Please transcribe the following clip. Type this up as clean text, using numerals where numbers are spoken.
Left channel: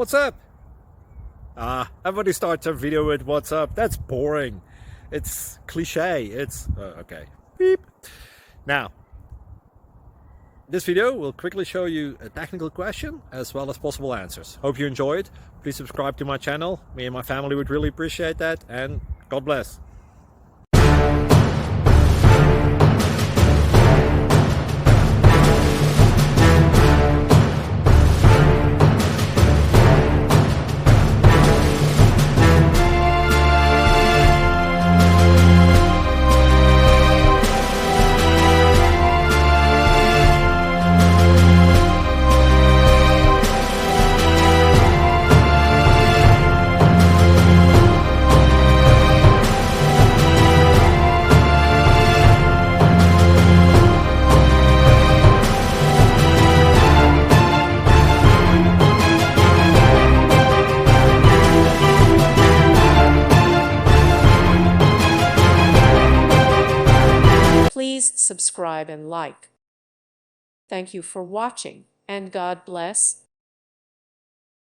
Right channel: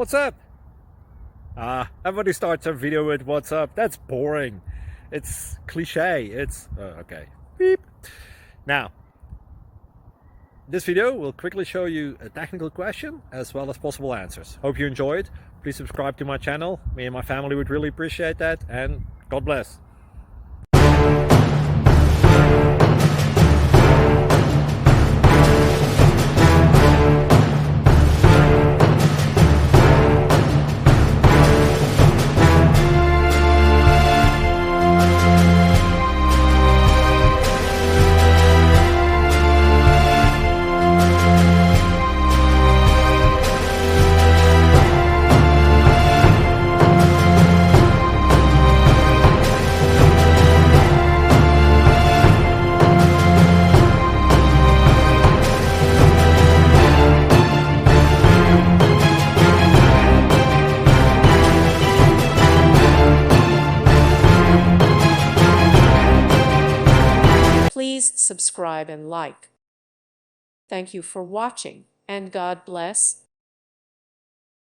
What's up? Everybody starts a video with what's up. That's boring. It's cliche. It's okay. Beep. Now, this video will quickly show you a technical question as well as possible answers. Hope you enjoyed. Please subscribe to my channel. Me and my family would really appreciate that, and God bless. Please subscribe and like. Thank you for watching, and God bless.